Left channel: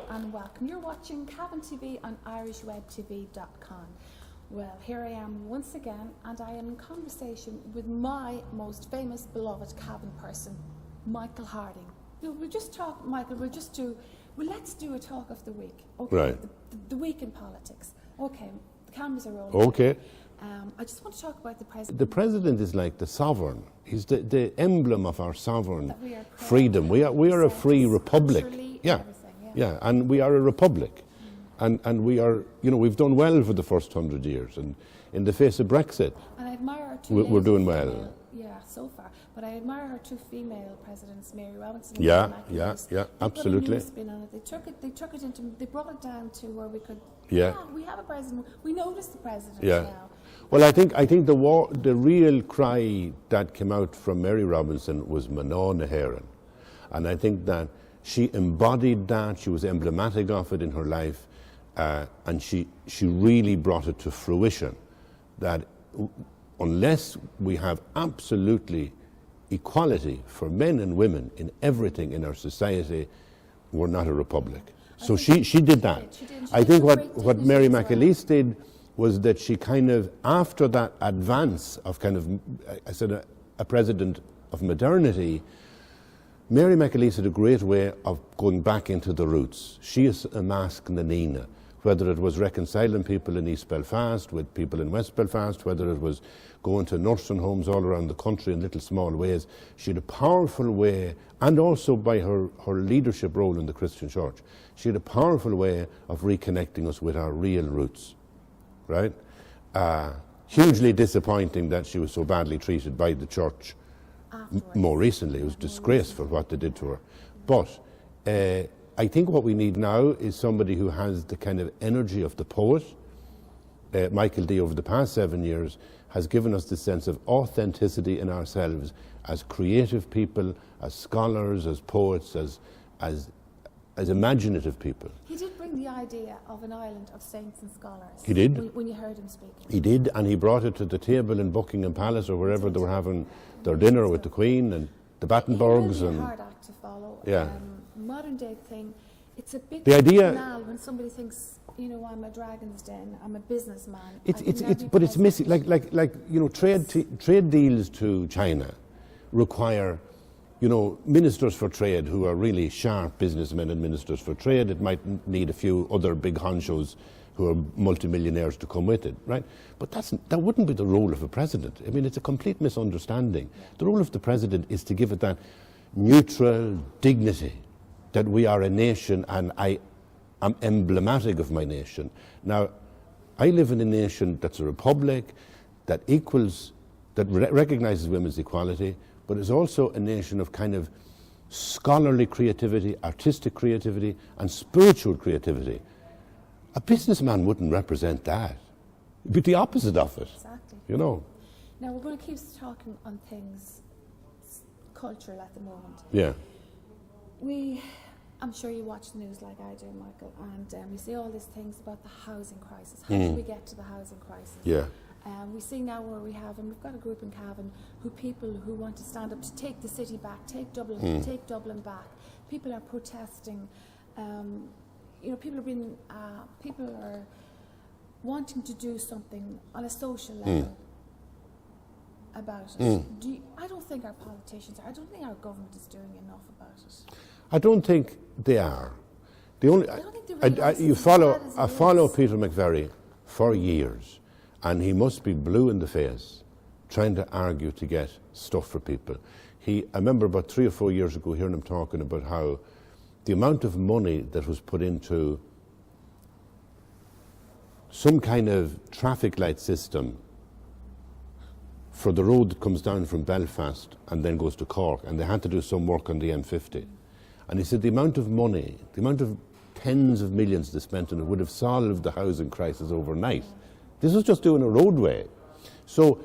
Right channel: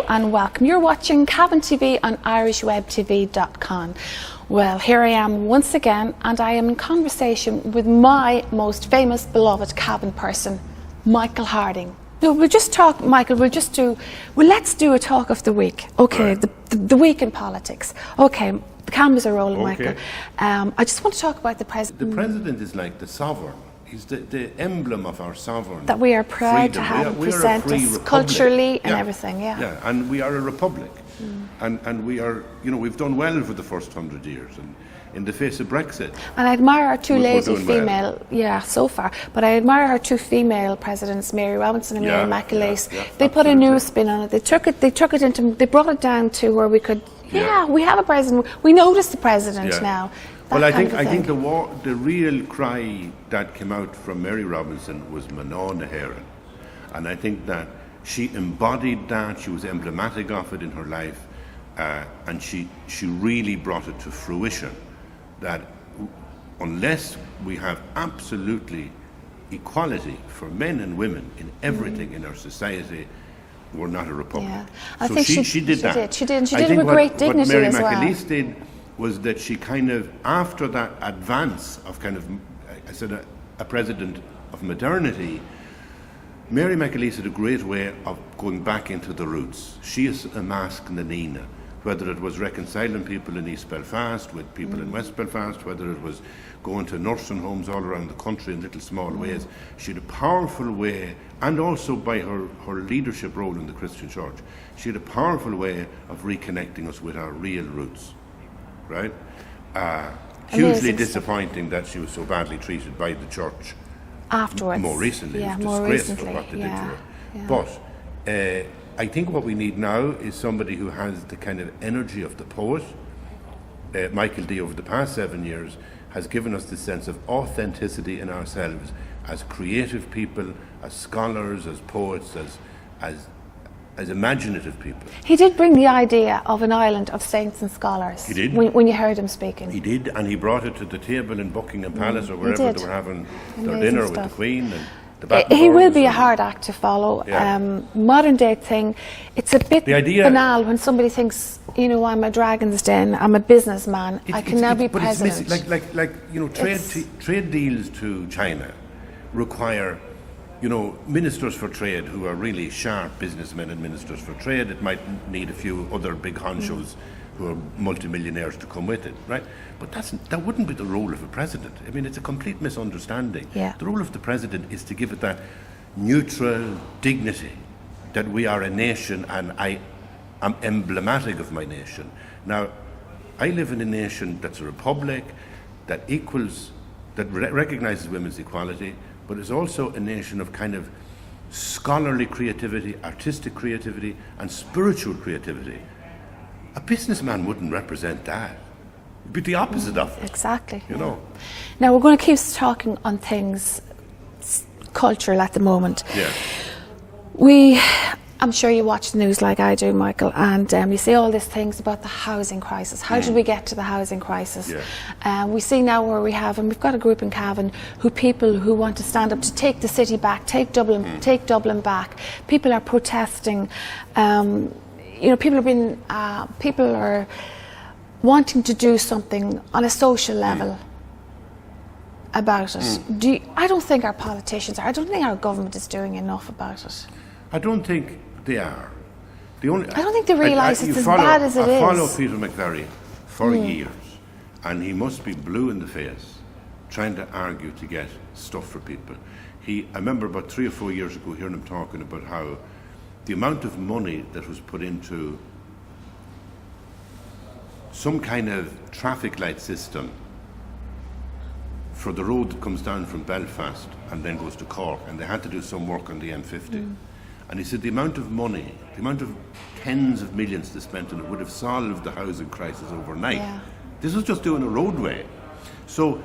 Hello and welcome. You're watching Cavan TV on Irishwebtv.com. Well, here I am once again, and I am in conversation with my most famous, beloved Cavan person, Michael Harding. No, we'll just talk, Michael, let's do a talk of the week. Okay, right. the week in politics. Okay, the cameras are rolling, okay. Michael. I just want to talk about the president. The president is like the sovereign. He's the emblem of our sovereign that we are proud freedom. to have we are a free republic. Culturally and everything, Yeah, and we are a republic. And we are, we've done well for the first 100 years, and in the face of Brexit. And I admire our two lazy female, well. So far, but I admire our two female presidents, Mary Robinson and Mary McAleese. They put a new spin on it. They brought it down to where we could, we have a president. We notice the president now. Well, I think the real cry that came out from Mary Robinson was Maná na hÉireann, and I think that she embodied that. She was emblematic of it in her life, and she really brought it to fruition. That unless we have absolutely equality for men and women in everything in our society, we're not a republic. I so think she did that. She did it with great dignity what Mary as well. McAleese did was that she kind of, after that advance of kind of, I said, a president of modernity, Mary McAleese had a great way of going back into the roots. She is a mask na Nina, whether it was reconciling people in East Belfast with people in West Belfast, whether it was going to nursing homes all around the country in little small ways. She had a powerful way, and also by her leadership role in the Christian church, she had a powerful way of reconnecting us with our real roots. Right? Hugely disappointing that she was so badly treated by the church afterwards. More recently. It was disgraceful what they did to her. But I think what we need now is somebody who has the kind of energy of the poet. Michael D, over the past 7 years, has given us this sense of authenticity in ourselves as creative people, as scholars, as poets, as imaginative people. He did bring the idea of an island of saints and scholars. He did. When you heard him speaking. He did, and he brought it to the table in Buckingham Palace or wherever they were having their dinner with the Queen and the Battenborns. He will be a hard act to follow. Modern day thing, it's a bit banal when somebody thinks, I'm a Dragon's Den, I'm a businessman, I can now be president. But it's missing, trade deals to China require ministers for trade who are really sharp businessmen and ministers for trade. It might need a few other big honchos who are multimillionaires to come with it, right? But that wouldn't be the role of a president. I mean, it's a complete misunderstanding. The role of the president is to give it that neutral dignity that we are a nation, and I am emblematic of my nation. Now, I live in a nation that's a republic, that recognizes women's equality, but is also a nation of kind of scholarly creativity, artistic creativity, and spiritual creativity. A businessman wouldn't represent that. It'd be the opposite of it. Exactly. Now we're going to keep talking on things cultural at the moment. I'm sure you watch the news like I do, Michael, and you see all these things about the housing crisis. How did we get to the housing crisis? We see now where we have, and we've got a group in Cavan, people who want to stand up to take the city back, take Dublin back. People are protesting. People are wanting to do something on a social level about it. I don't think our politicians are. I don't think our government is doing enough about it. I don't think they are. I don't think they realise it's as bad as it is. I follow Peter McVerry for years, and he must be blue in the face trying to argue to get stuff for people. I remember about 3 or 4 years ago hearing him talking about how the amount of money that was put into some kind of traffic light system for the road that comes down from Belfast and then goes to Cork, and they had to do some work on the M50. And he said the amount of money, the amount of tens of millions they spent on it would have solved the housing crisis overnight. This was just doing a roadway. So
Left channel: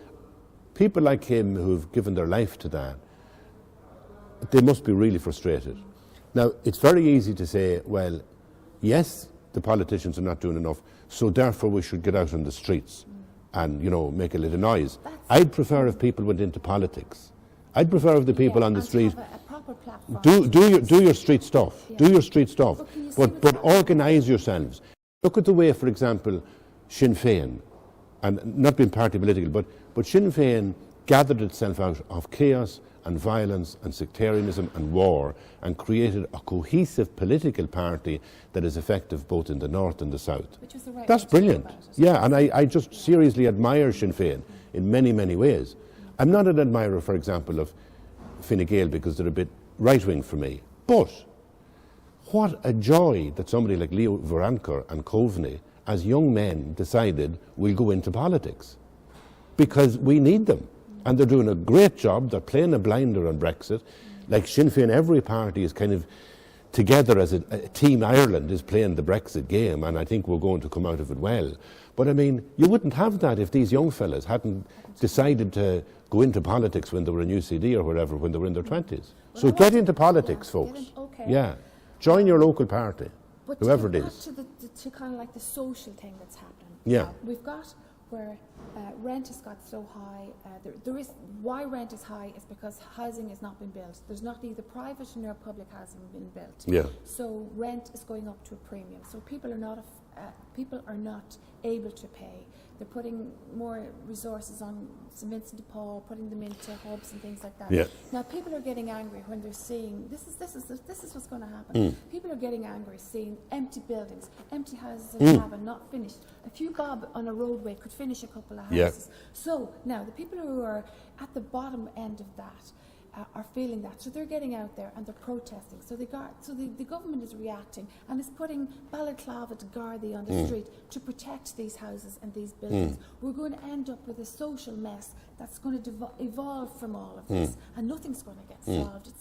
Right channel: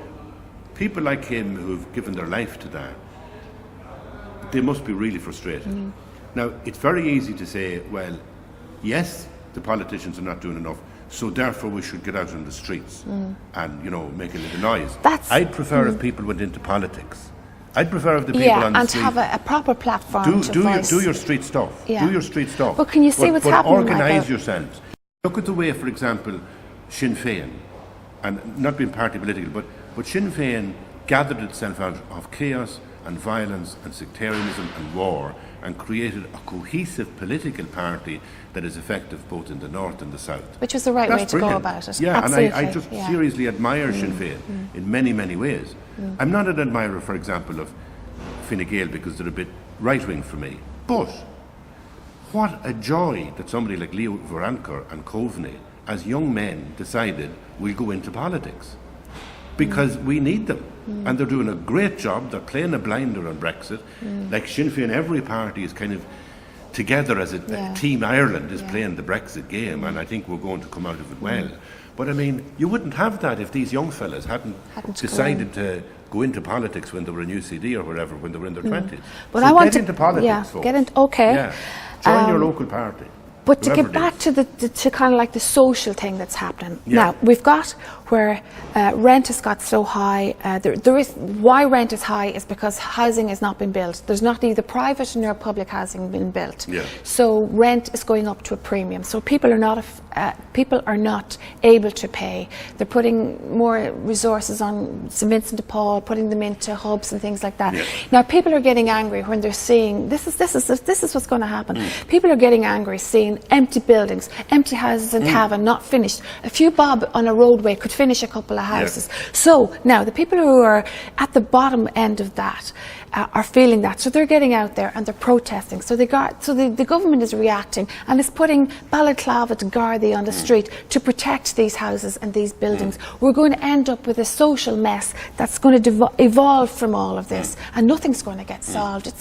people like him who've given their life to that, they must be really frustrated. Now, it's very easy to say, well, yes, the politicians are not doing enough, so therefore we should get out on the streets and, make a little noise. I'd prefer if people went into politics I'd prefer if the people on the and street have a proper platform to do your street stuff. Yeah. Do your street stuff. But can you see what's happening? Organise yourselves. Look at the way, for example, Sinn Féin, and not being party political, but Sinn Féin gathered itself out of chaos and violence and sectarianism and war and created a cohesive political party that is effective both in the north and the south. Which was the right That's way to brilliant. go about it. Yeah, Absolutely. and I just seriously admire Sinn Féin in many, many ways. I'm not an admirer, for example, of Fine Gael because they're a bit right-wing for me. But what a joy that somebody like Leo Varadkar and Coveney, as young men, decided we'll go into politics. Because we need them. And they're doing a great job. They're playing a blinder on Brexit. Like Sinn Féin, every party is kind of together as a Team Ireland is playing the Brexit game, and I think we're going to come out of it well. But I mean, you wouldn't have that if these young fellas hadn't decided to go into politics when they were in UCD or wherever, when they were in their 20s. But so I want get into politics, folks. Okay. Yeah. Join your local party. But to get back to to kind of like the social thing that's happening. Now, we've got where rent has got so high. There is why rent is high is because housing has not been built. There's not either private nor public housing been built. Yeah. So rent is going up to a premium. So people are not able to pay. They're putting more resources on St Vincent de Paul, putting them into hubs and things like that. Yeah. Now people are getting angry when they're seeing this is what's going to happen. People are getting angry seeing empty buildings, empty houses in Cavan not finished. A few bob on a roadway could finish a couple of houses. Yeah. So now the people who are at the bottom end of that are feeling that, so they're getting out there and they're protesting. So the government is reacting and is putting balaclava to Gardaí on the street to protect these houses and these buildings. We're going to end up with a social mess that's going to evolve from all of this, and nothing's going to get solved.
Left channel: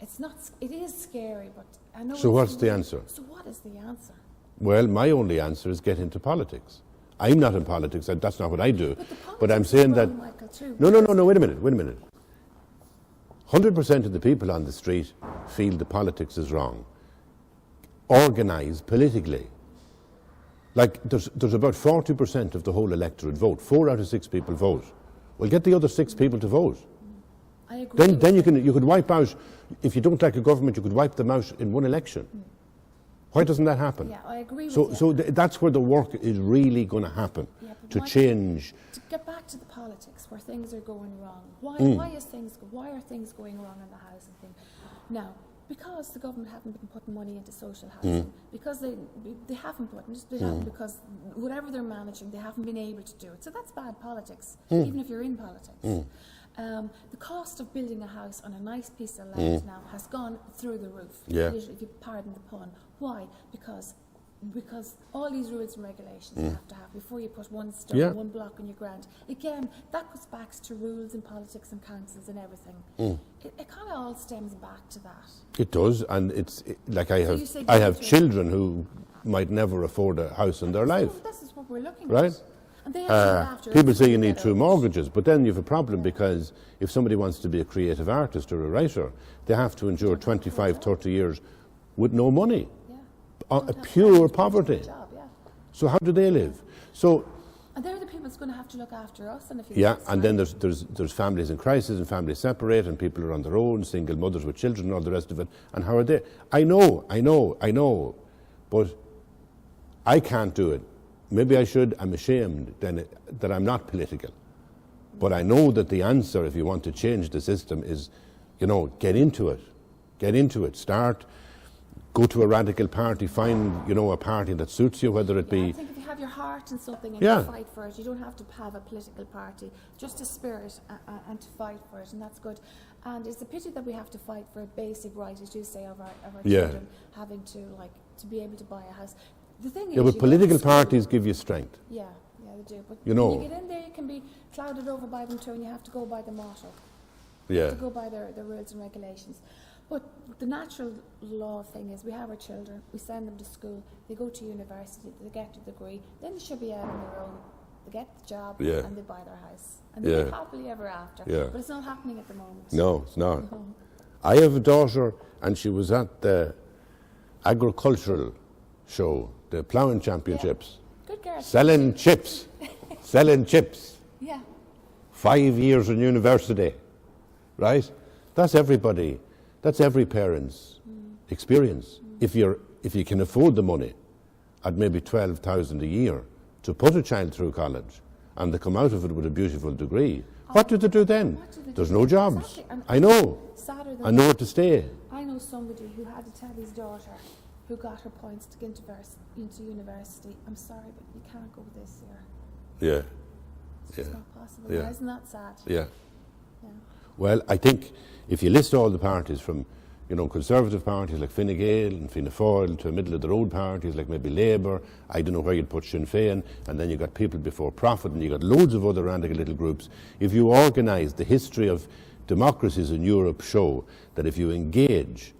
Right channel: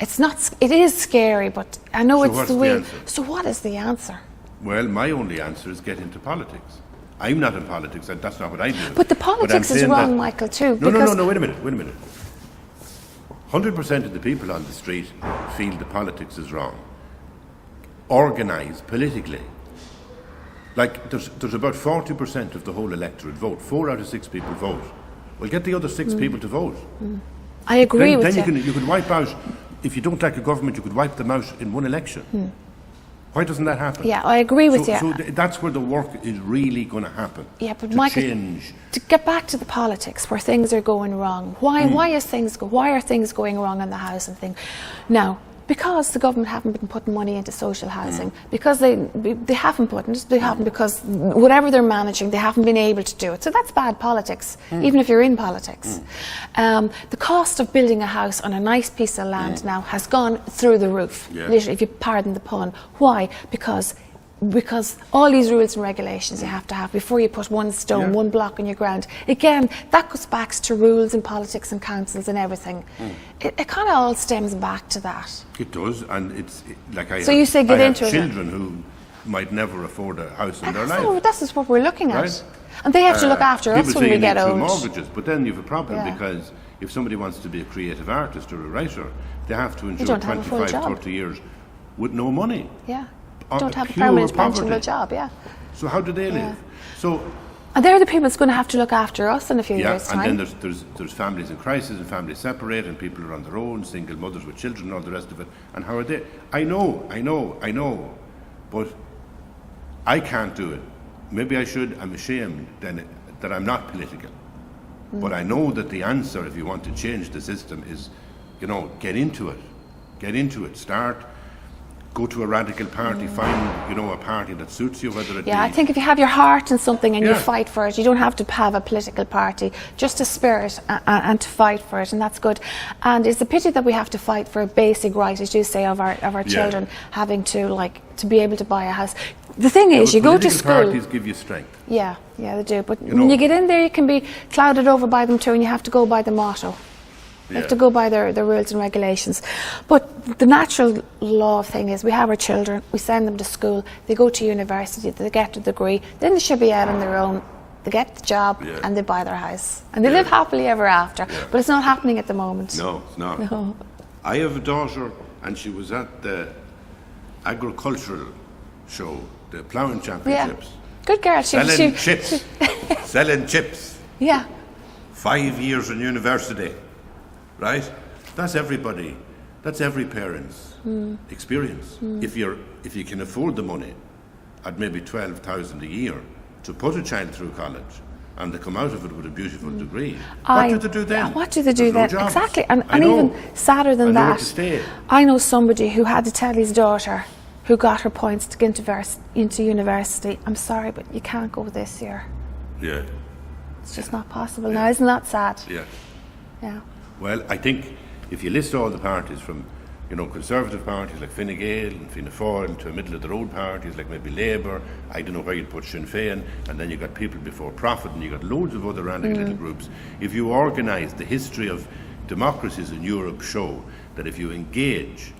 It is scary, but I know so it's the way. Answer? So what is the answer? Well, my only answer is get into politics. I'm not in politics, and that's not what I do. But the politics is wrong, Michael, too. No, wait a minute. 100% of the people on the street feel the politics is wrong. Organise politically. Like, there's about 40% of the whole electorate vote. 4 out of 6 people vote. Well, get the other 6 people to vote. I agree with you. Then you could wipe out, if you don't like a government, you could wipe them out in one election. Why doesn't that happen? Yeah, I agree with you. So that's where the work is really going to happen. Yeah, but to Michael, change. To get back to the politics where things are going wrong. Why are things going wrong in the housing thing? Now, because the government haven't been putting money into social housing, because they haven't put it, they haven't, because whatever they're managing, they haven't been able to do it. So that's bad politics, even if you're in politics. The cost of building a house on a nice piece of land now has gone through the roof, literally, if you pardon the pun. Why? Because all these rules and regulations you have to have before you put one stone, one block in your ground. Again, that goes back to rules and politics and councils and everything. It kind of all stems back to that. It does, and it's like I have children who might never afford a house in their life. No, this is what we're looking at. And they have to look after us when we get old. People say you need 2 mortgages, but then you have a problem because if somebody wants to be a creative artist or a writer, they have to endure 25, 30 years with no money. Yeah. Don't have a pure permanent poverty. pensionable job, So how do they live? So, and they're the people that's going to have to look after us in a few years' time. And then there's families in crisis and families separate and people are on their own, single mothers with children and all the rest of it. And how are they? I know, but I can't do it. Maybe I should. I'm ashamed that I'm not political. But I know that the answer, if you want to change the system, is, get into it. Go to a radical party, find, a party that suits you, whether it be... Yeah, I think if you have your heart in something and you fight for it, you don't have to have a political party, just a spirit and to fight for it, and that's good. And it's a pity that we have to fight for a basic right, as you say, of our children having to be able to buy a house. The thing is, you go to school... Political parties give you strength. Yeah, they do. But when you get in there, you can be clouded over by them too, and you have to go by the motto. You have to go by their rules and regulations. But the natural law thing is we have our children, we send them to school, they go to university, they get a degree, then they should be out on their own, they get the job and they buy their house. And they live happily ever after. But it's not happening at the moment. No, it's not. No. I have a daughter and she was at the agricultural show, the ploughing championships. Yeah. Good girl. Selling chips. Selling chips. Yeah. 5 years in university. right? That's everybody. That's every parent's experience. If you can afford the money at maybe 12,000 a year to put a child through college and they come out of it with a beautiful degree, what do they do then? What do they do There's no then? jobs. Exactly. And I know. even sadder than Nowhere that, to stay. I know somebody who had to tell his daughter, who got her points to get into university, I'm sorry, but you can't go this year. Yeah. It's just not possible now. Isn't that sad? Yeah. Yeah. Well, I think if you list all the parties from, conservative parties like Fine Gael and Fianna Fáil to middle of the road parties like maybe Labour, I don't know where you'd put Sinn Féin, and then you got People Before Profit, and you got loads of other random little groups. If you organise, the history of democracies in Europe show that if you engage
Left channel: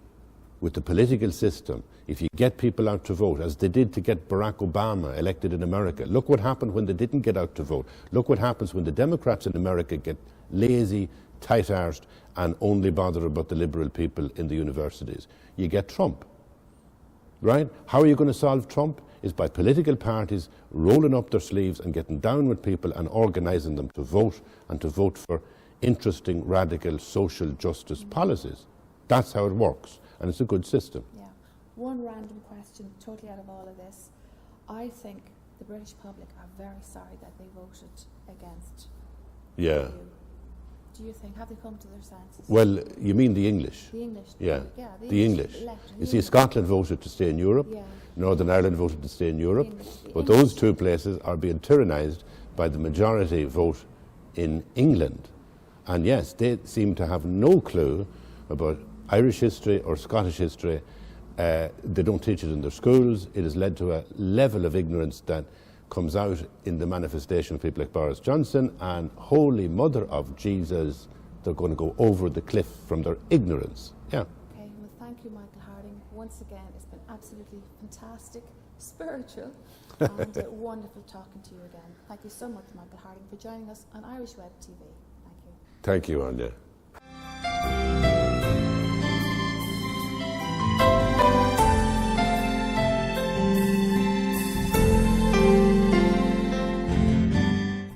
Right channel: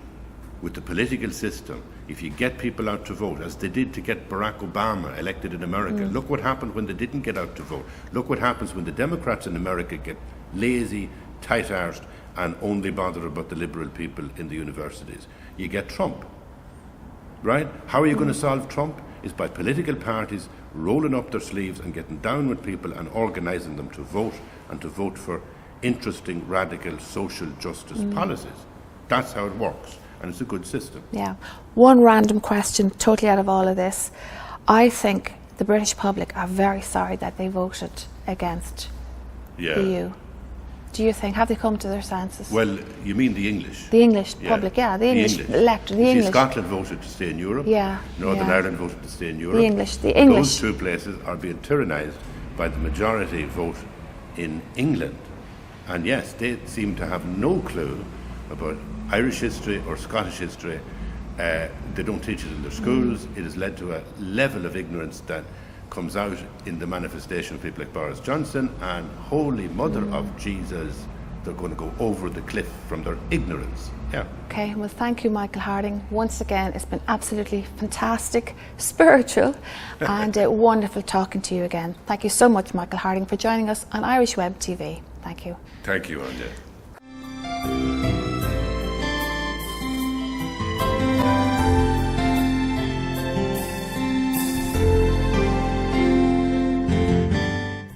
with the political system, if you get people out to vote, as they did to get Barack Obama elected in America, look what happened when they didn't get out to vote. Look what happens when the Democrats in America get lazy, tight-arsed, and only bother about the liberal people in the universities. You get Trump, right? How are you going to solve Trump? Is by political parties rolling up their sleeves and getting down with people and organising them to vote, and to vote for interesting, radical social justice policies. That's how it works, and it's a good system. Yeah. One random question, totally out of all of this. I think the British public are very sorry that they voted against the EU. Do you think, have they come to their senses? Well, you mean the English? The English public, the English electorate, the English. Scotland voted to stay in Europe. Northern Ireland voted to stay in Europe. The English. Those two places are being tyrannised by the majority vote in England. And yes, they seem to have no clue about Irish history or Scottish history. They don't teach it in their schools. It has led to a level of ignorance that comes out in the manifestation of people like Boris Johnson, and Holy Mother of Jesus, they're going to go over the cliff from their ignorance. Yeah. Okay, well, thank you, Michael Harding. Once again, it's been absolutely fantastic, spiritual, and wonderful talking to you again. Thank you so much, Michael Harding, for joining us on Irish Web TV. Thank you. Thank you, Áine.